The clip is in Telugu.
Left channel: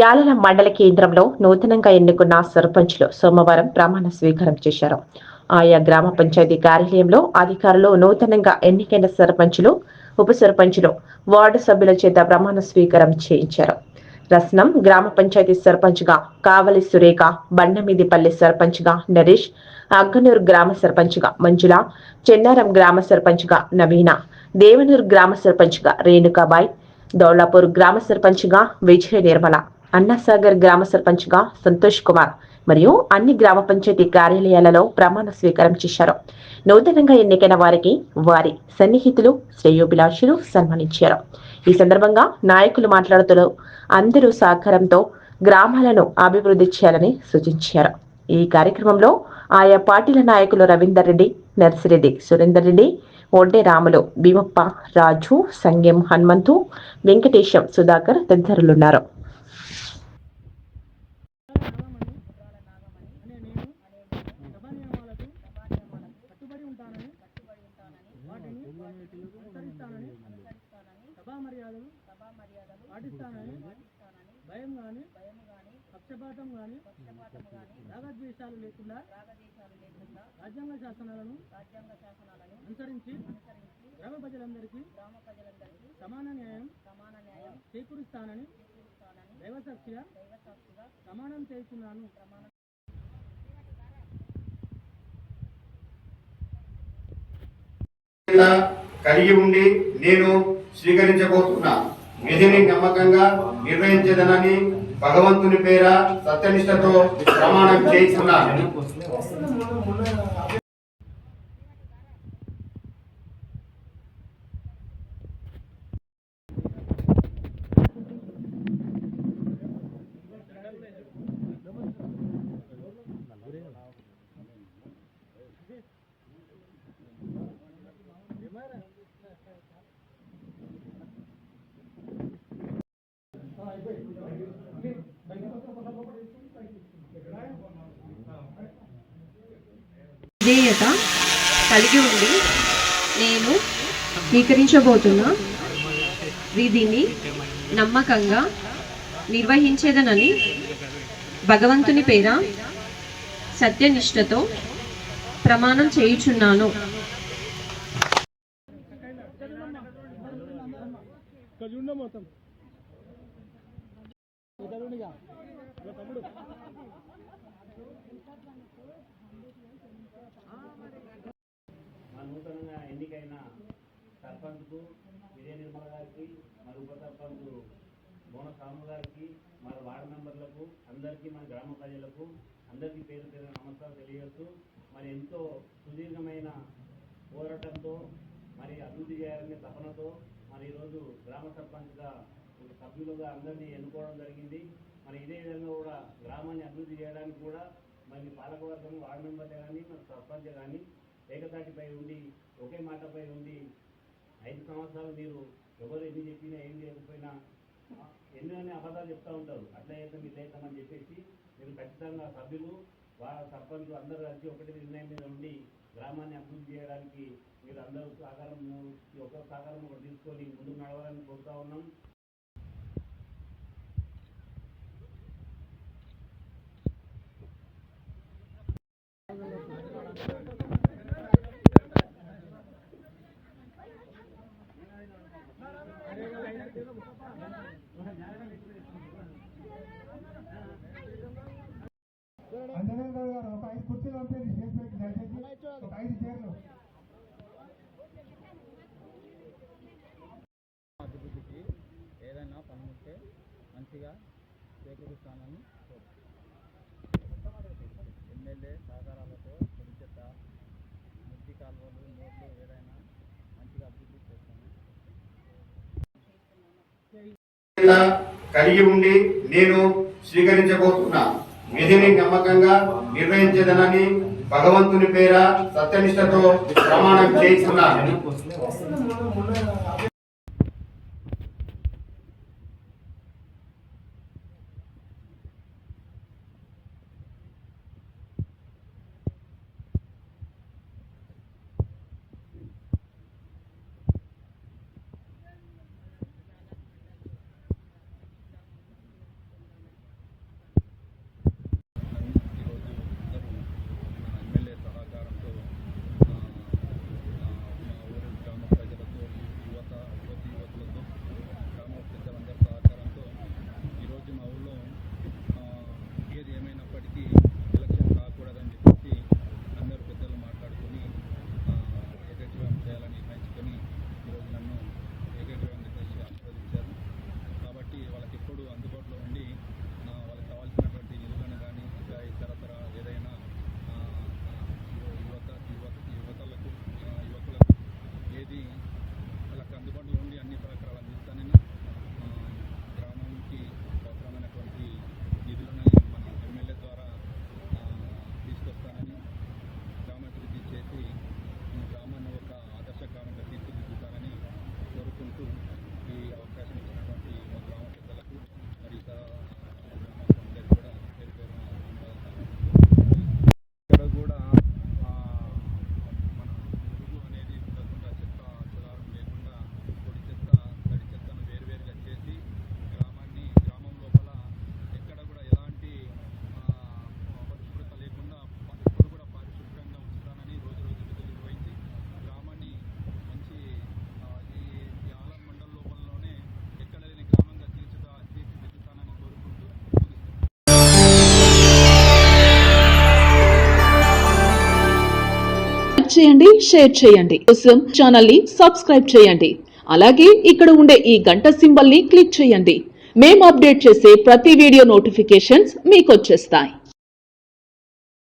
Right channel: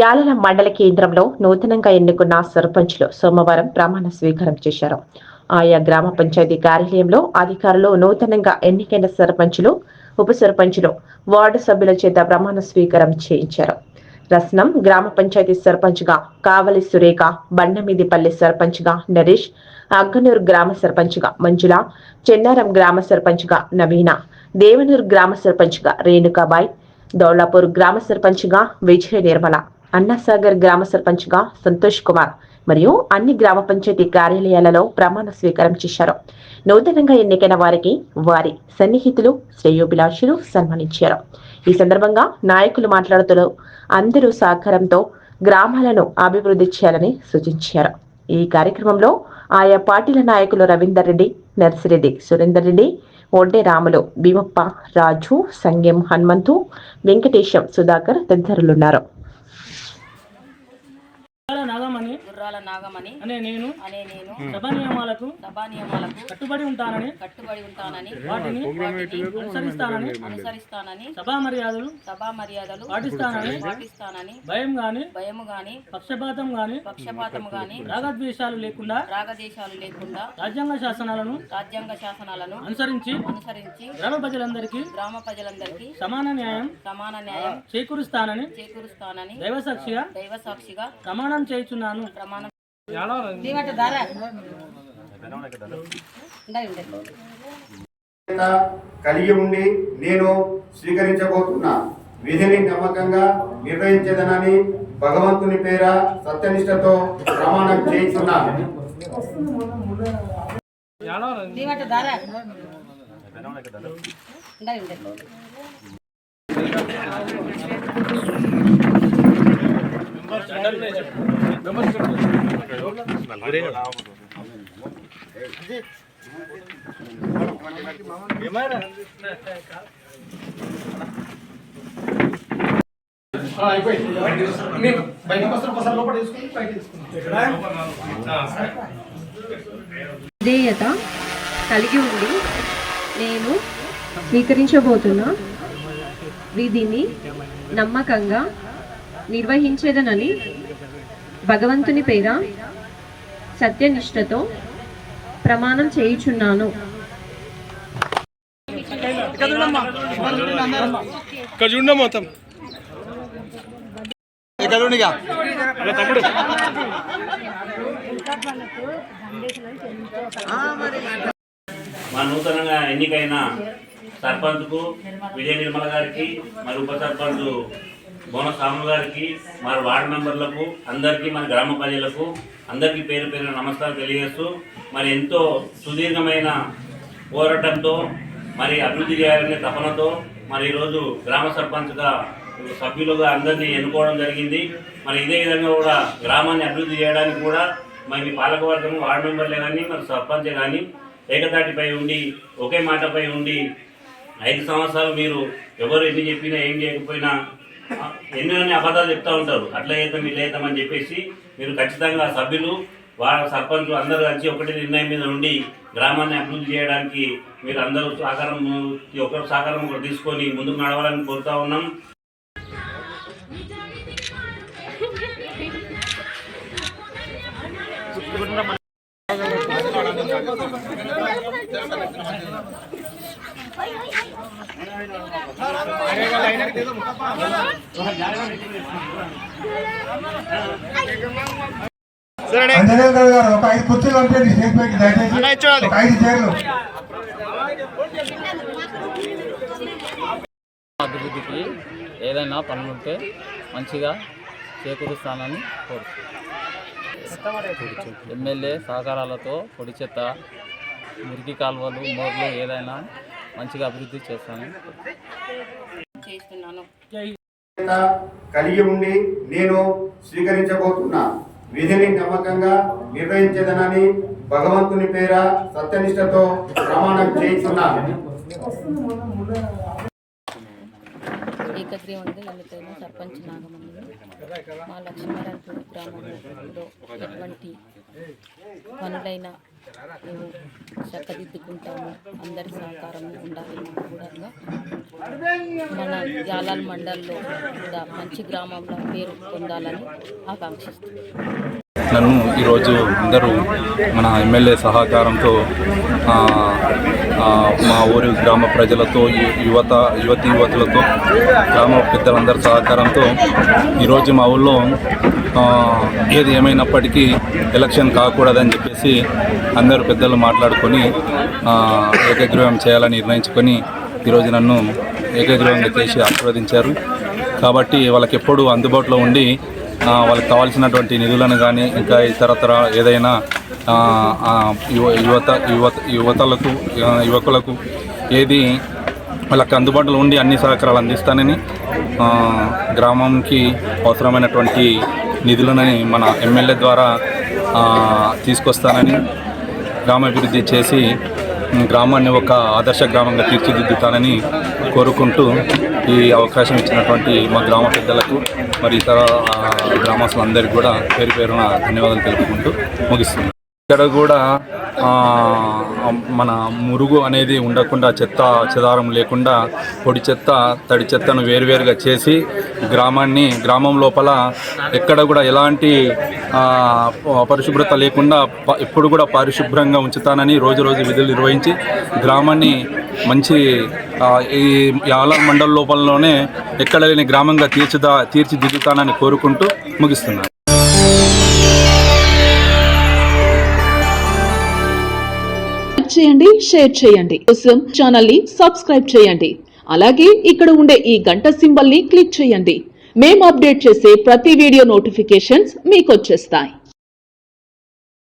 యాలల మండల కేంద్రంలో నూతనంగా ఎన్నుకున్న సర్పంచ్లు సోమవారం ప్రమాణ స్వీకారం చేశారు. ఆయా గ్రామ పంచాయతీ కార్యాలయంలో అధికారులు నూతనంగా ఎన్నికైన సర్పంచ్లు, ఉప సర్పంచ్లు, వార్డు సభ్యుల చేత ప్రమాణ స్వీకారం చేయించారు. రస్నం గ్రామ పంచాయతీ సర్పంచ్గా కావలి సురేఖ, బండమీదిపల్లి సర్పంచ్గా నరేష్, అగ్గనూరు గ్రామ సర్పంచ్గా మంజుల, చెన్నారం గ్రామ సర్పంచ్గా నవీన, దేవనూరు గ్రామ సర్పంచ్గా రేణుకాబాయ్, దౌలాపూర్ గ్రామ సర్పంచ్గా విజయ నిర్మల, అన్నాసాగర్ గ్రామ సర్పంచ్గా సంతోష్ కుమార్ మరియు అన్ని గ్రామ పంచాయతీ కార్యాలయాలలో ప్రమాణ స్వీకారం చేశారు. నూతనంగా ఎన్నికైన వారికి వారి సన్నిహితులు, శ్రేయోభిలాషులు సన్మానించారు. ఈ సందర్భంగా నాయకులు మాట్లాడుతూ అందరూ సహకారంతో గ్రామాలను అభివృద్ధి చేయాలని సూచించారు. ఈ కార్యక్రమంలో ఆయా పార్టీల నాయకులు రవీందర్ రెడ్డి, నర్సిరెడ్డి, సురేందర్ రెడ్డి, ఒడ్డే రాములు, భీమప్ప, రాజు, సంగెం హనుమంతు, వెంకటేశం, సుధాకర్ తదితరులున్నారు. నాగమణి అనే నేను సభా నియమాలకు కట్టుబడి ఉంటానని వాటిని అనుసరిస్తానని సభా మర్యాదలు పాటిస్తానని భయం గాని పక్షపాతం గాని రాగద్వేషాలు లేకుండా రాజ్యాంగ శాసనాలను అనుసరించి గ్రామ ప్రజలందరికీ సమాన న్యాయం చేకూరుస్తానని దైవసాక్షిగా ప్రమాణం చేయుచున్నాను. కలిగి ఉండి నేను స్వీకరించబోతున్న విధిని నమ్మకంగా నిర్వహించదనని భగవంతుని పేర సత్యనిష్టతో ప్రమాణం చేస్తున్నాను. విధేయత కలిగి ఉండి నేను స్వీకరించబోతున్న విధిని నమ్మకంగా నిర్వహించేదనని భగవంతుని పేర సత్యనిష్టతో ప్రమాణం చేయుచున్నాను. మా నూతనంగా ఎన్నికైన సర్పంచ్కు విజయ నిర్మల గారికి, మరి ఉప సర్పంచ్ బోన సాము గారికి, మరి వార్డు మెంబర్లకు అందరికీ, మన గ్రామ ప్రజలకు అందరికీ పేరు పేరున నమస్కారం తెలియజేస్తూ, మరి ఎంతో సుదీర్ఘమైన పోరాటంతో మరి అభివృద్ధి చేయాలనే తపనతో మరి ఈరోజు గ్రామ సర్పంచ్గా సభ్యులుగా అందరినీ ఎన్నుకోవడం జరిగింది. మరి ఇదే విధంగా కూడా గ్రామాన్ని అభివృద్ధి చేయడానికి కూడా మరి పాలకవర్గం, వార్డు మెంబర్లే కానీ, మరి సర్పంచే కానీ ఏకతాటిపై ఉండి ఒకే మాటపై ఉండి 5 సంవత్సరాలు మీరు ఎవరు ఎన్ని చెప్పినా ఏం చేయకపోయినా ఎన్నో అబద్ధాలు చెప్తూ ఉంటారు. అట్లా చేద్దాం ఇట్లా చేద్దామని చెప్పేసి మీరు ఖచ్చితంగా సభ్యులు, వాళ్ళ సర్పంచులు అందరూ కలిసి ఒకటి నిర్ణయం మీద ఉండి గ్రామాన్ని అభివృద్ధి చేయడానికి మీరు అందరూ ఒకరు సహకారం ఒకరు తీసుకొని ముందుకు నడవాలని కోరుతా ఉన్నాం. అభివృద్ధికి ఏదైనా పనులుంటే మంచిగా చేకూరుస్తానని కోరుతున్నాను. ఎమ్మెల్యే సహకారాలతో పొడి చెత్త, మురికి కాలువలు, మోర్లు ఏదైనా మంచిగా అభివృద్ధి చేస్తానని కలిగి ఉండి నేను స్వీకరించబోతున్న విధిని నమ్మకంగా నిర్వహించదనని భగవంతుని పేర సత్యనిష్టతో ప్రమాణం చేస్తున్నాను. ఏకగ్రీవంగా ఎన్నికైన సర్పంచ్ నాగమణి మా లక్ష్మీనారాయణపూర్ గ్రామంలో ఎటువంటి పనులైనా మేము చక్కదిద్దుకుంటాము. అందరి సహకారం ఉండాలని కూడా మన యాలాల్ మండల్లో కూడా మంచి గ్రామంలో పేరు పొందాలని ఆకాంక్షిస్తున్నాను. నన్ను ఈరోజు అందరూ మన ఎమ్మెల్యే సహకారంతో మా ఊరి గ్రామ ప్రజలతో యువతులతో గ్రామ పెద్దలందరి సహకారంతో ఈరోజు మా ఊళ్ళో ఏది ఏమైనప్పటికీ ఎలక్షన్ కాకూడదని చెప్పేసి అందరూ పెద్దలు మాట్లాడుకొని ఏకగ్రీవం చేయాలని నిర్ణయించుకొని ఈరోజు నన్ను ఏకగ్రీవంగా చేసి ఆశీర్వదించారు. కాబట్టి వాళ్ళకి ఎప్పుడూ అందుబాటులో ఉండి వాళ్ళకి కావాల్సినటువంటి నిధులను కానీ ఇంకా ఇతరతర ఏదైనా యువకులకు ఏది వాళ్ళకి అందుబాటులో ఉండి అన్ని సహకారాలు అందిస్తానని గ్రామంకి అవసరమైనటువంటి నిధులని మన ఎమ్మెల్యే ద్వారా తీసుకొస్తానని గ్రామాభివృద్ధి చేసి గ్రామాన్ని ఒక ఆదర్శ గ్రామంగా తీర్చిదిద్దుతానని కోరుకుంటూ ఈ అవకాశం ఇచ్చినటువంటి మా గ్రామ పెద్దలకు మరి ఇతర గ్రామస్తులందరికీ కూడా పేరు పేరున ధన్యవాదాలు తెలుపుకుంటూ ముగిస్తున్నాను. ఇక్కడ కూడా మన మురుగు అనేది ఉండకుండా చెత్త చెదారం లేకుండా పొడి చెత్త తడి చెత్తను వేరువేరుగా చేసి గ్రామం లోపల ఎక్కడ కూడా ఎలాంటి పరిశుభ్రత లేకుండా ఎప్పుడు కూడా పరిశుభ్రంగా ఉంచుతానని రోజు విధులు నిర్వహించి గ్రామాన్ని మంచి ఈ యాలాల్ మండల లోపలలోనే ఎక్కడ లేని గ్రామంగా తీర్చిదిద్దుతానని కోరుకుంటూ ముగిస్తున్నాను. చేయండి, షేర్ చేయండి. కోసం ఛానల్ ని సబ్స్క్రైబ్ చేయండి. అలాగే ఇక్కడ ఉండే ఈ గంట సింబల్ ని క్లిక్ చేయండి. మేము అప్డేట్ చేసే ప్రతి వీడియో నోటిఫికేషన్స్ మీకు వచ్చేస్తాయి.